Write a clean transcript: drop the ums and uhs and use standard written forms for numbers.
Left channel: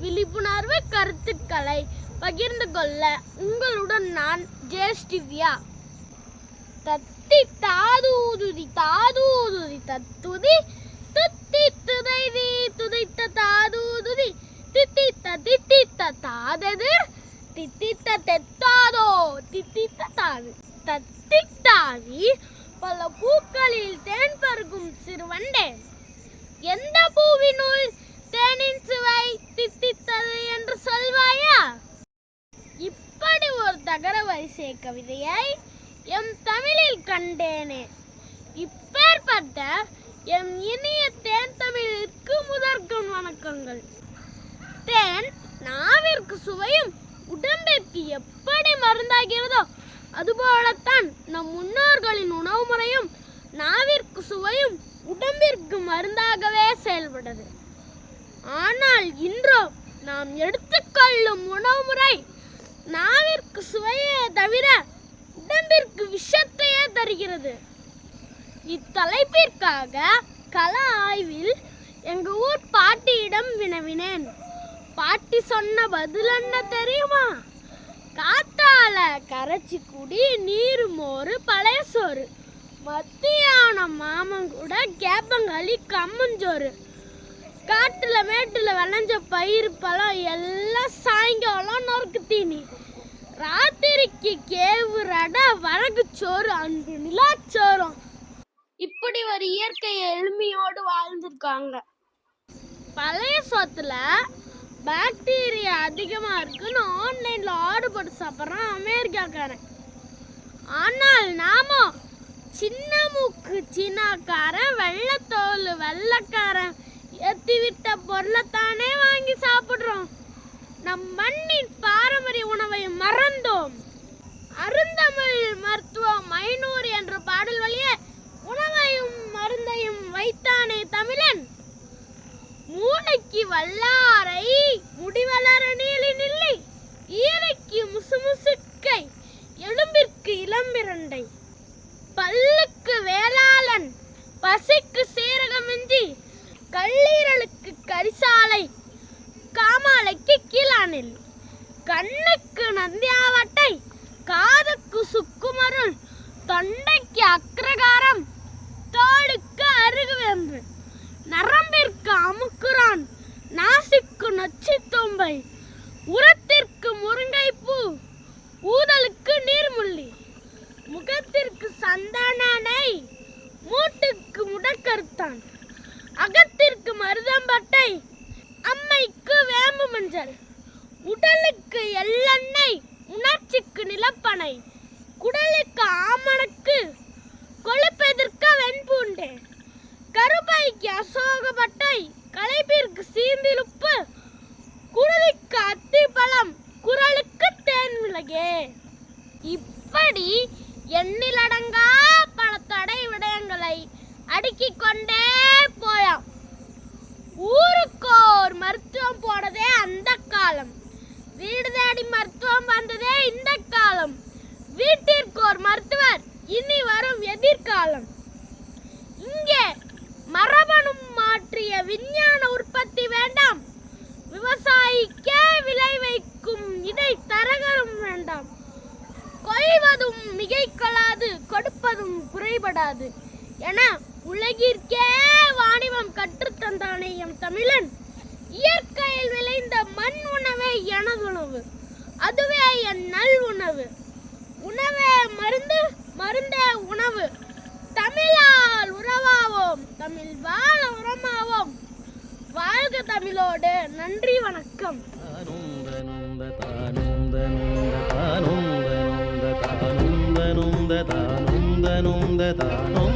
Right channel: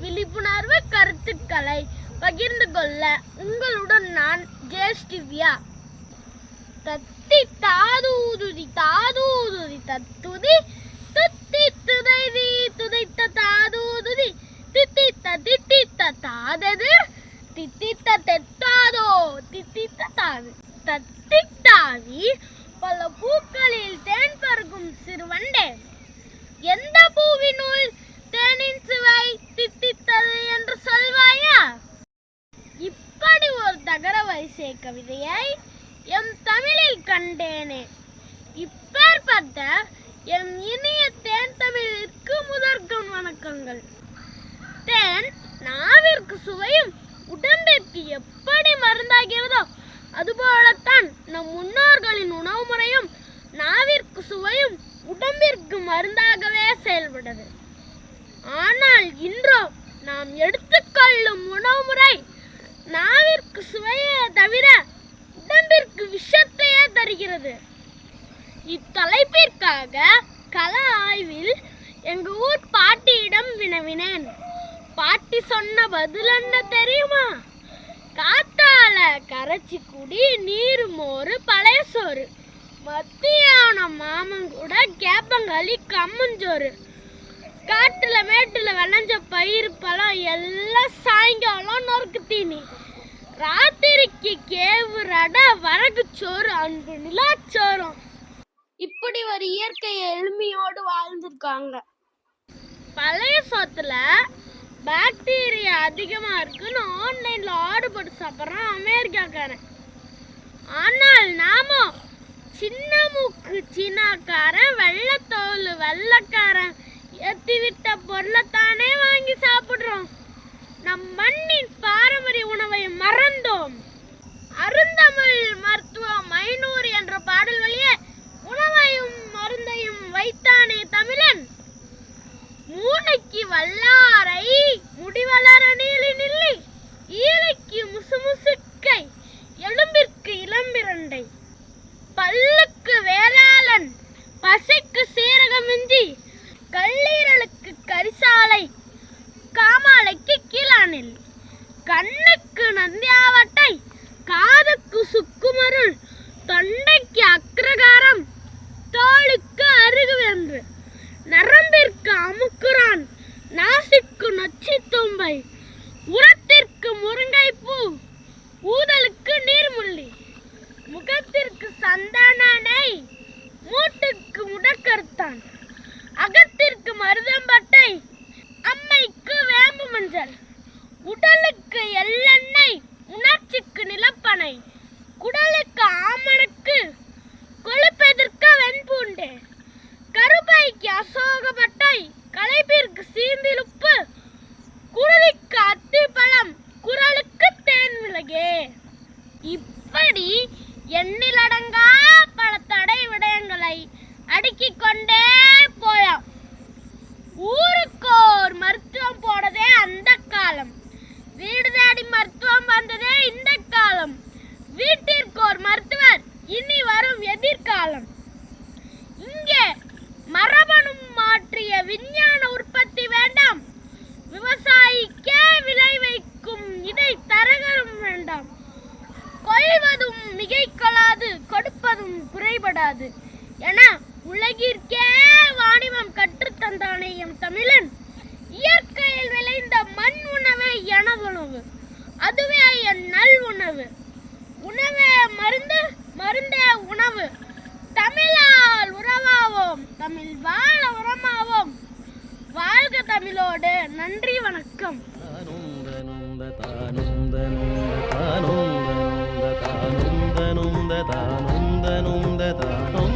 விழிப்புணர்வு கருத்துக்களை பகிர்ந்து கொள்ள உங்களுடன் நான் ஜெயஸ்டிவ்யா. தத்தி தாதூதுதி தாதூதுதி தத்துதி துத்தி துதைதி துதைத்த தாதூதுதி தித்தித்த தித்தித்த தாதது தித்தித்த தெத்தாதோ தித்தித்த தாது தத்தித்தாவி பல பூக்களில் தேன் பருகும் சிறுவண்டே, எந்த பூவினுள் தேனின் சுவை தித்தித்தது என்று சொல்வாயா? இப்படி ஒரு தகர வரிசை கவிதையை எம் தமிழில் கண்டேனே. இப்பேற்பட்ட எம் இனிய தேன் தமிழிற்கு முதற்கண் வணக்கங்கள். தேன் நாவிற்கு சுவையும் உடம்பிற்கு எப்படி மருந்தாகிறதோ அதுபோலத்தான் நம் முன்னோர்களின் உணவு முறையும் நாவிற்கு சுவையும் உடம்பிற்கு மருந்தாகவே செயல்பட்டது. ஆனால் இன்றோ நாம் எடுத்துக்கொள்ளும் உணவு முறை நாவிற்கு சுவையே தவிர உடம்பிற்கு விஷத்தையே தருகிறது. இத்தலைப்பிற்காக கள ஆய்வில் எங்க ஊர் பாட்டியிடம் வினவினேன். பாட்டி சொன்ன பதில் என்ன தெரியுமா? காத்தால கரைச்சி குடி, நீர் மோறு, பழைய சோறு, மத்தியானம் மாமங்கூட கேப்பங்களி, கம்மஞ்சோறு, காட்டுல மேட்டுல விளைஞ்ச பயிர் பழம் எல்லாம் சாயங்காலம் நொறுக்கு தீனி, ராத்திரிக்கு கேவு ரடை, வரகு சோறு, அன்பு நிலாச்சோறும். இப்படி ஒரு இயற்கை எளிமையோடு வாழ்ந்திருக்காங்க. பழைய சோத்துல பாக்டீரியா அதிகமா இருக்குன்னு ஆன்லைன்ல ஆர்டர் போட்டு சாப்பிட்றான் அமெரிக்காக்காரன். ஆனால் நாம சின்ன மூக்கு சீனாக்காரன், வெள்ளத்தோல் வெள்ளக்காரன் ஏத்தி விட்ட பொருளைத்தானே வாங்கி சாப்பிடுறோம். நம் மண்ணின் பாரம்பரிய உணவை மறந்தோம். அருந்தமிழ் மருத்துவம் 500 என்ற பாடல் வழியே உணவையும் மருந்தையும் வைத்தானே தமிழன். மூளைக்கு வல்லாரை, முடிவளர நீலி நில்லி, ஈலைக்கு முசுமுசுக்கை, எலும்பிற்கு இளம்பிரண்டை, பல்லுக்கு வேளாளன், பசிக்கு சீரகமிஞ்சி, கல்லீரலுக்கு கரிசாலை, காமாலைக்கு கீழானில், கண்ணுக்கு நந்தியாவட்டை, காதுக்கு சுக்குமருள், தொண்டைக்கு அக்ரகாரம், தோளுக்கு அருகுவேம்பு, நரம்பிற்கு அமுக்குரான், நாசிக்கு நொச்சி தும்பை, உரத்திற்கு முருங்கைப்பூ, ஊதலுக்கு நீர்முள்ளி, முகத்திற்கு சந்தானை, மூட்டுக்கு முடக்கருத்தான், அகத்திற்கு மருதம்பட்டை, அம்மைக்கு வேம்பு மஞ்சள், உடலுக்கு எள்ளெண்ணெய், உணர்ச்சிக்கு நிலப்பனை, குடலுக்கு ஆமணக்கு, கொழுப்பெதிர்க்க வெண்பூண்டு, கருப்பைக்கு அசோகப்பட்டை, களைப்பிற்கு சீந்திலுப்பு, குருதிக்கு அத்திப்பழம், குரலுக்கு தேன் மிளகே. இப்படி எண்ணிலடங்கா பல தடை விடயங்களை அடுக்கிக் கொண்டே போலாம். ஊருக்கோர் மருத்துவம் போனதே அந்த காலம். வீடு தேடி மருத்துவம் வந்ததே இந்த காலம். வீட்டிற்கோர் மருத்துவர் இனி வரும் எதிர்காலம். இங்கே மரபணு மாற்றிய விஞ்ஞான உற்பத்தி வேண்டாம். விவசாயிக்கே விளை வைக்கும் இடை தரகரும் வேண்டாம். கொள்வதும் மிகைக்கொள்ளாது, கொடுப்பதும் குறைபடாது என உலகிற்கே வாணிபம் கற்றுத்தந்தானே எம் தமிழன். இயற்கையில் விளைந்த மண் உணவே எனதுணவு, அதுவே என் நல் உணவு. உணவே மருந்து, மருந்தே உணவு. தமிழால் உறவாவோம், தமிழ் வாழ உரமாவோம். வாழ்க தமிழோடு. நன்றி, வணக்கம். தானும்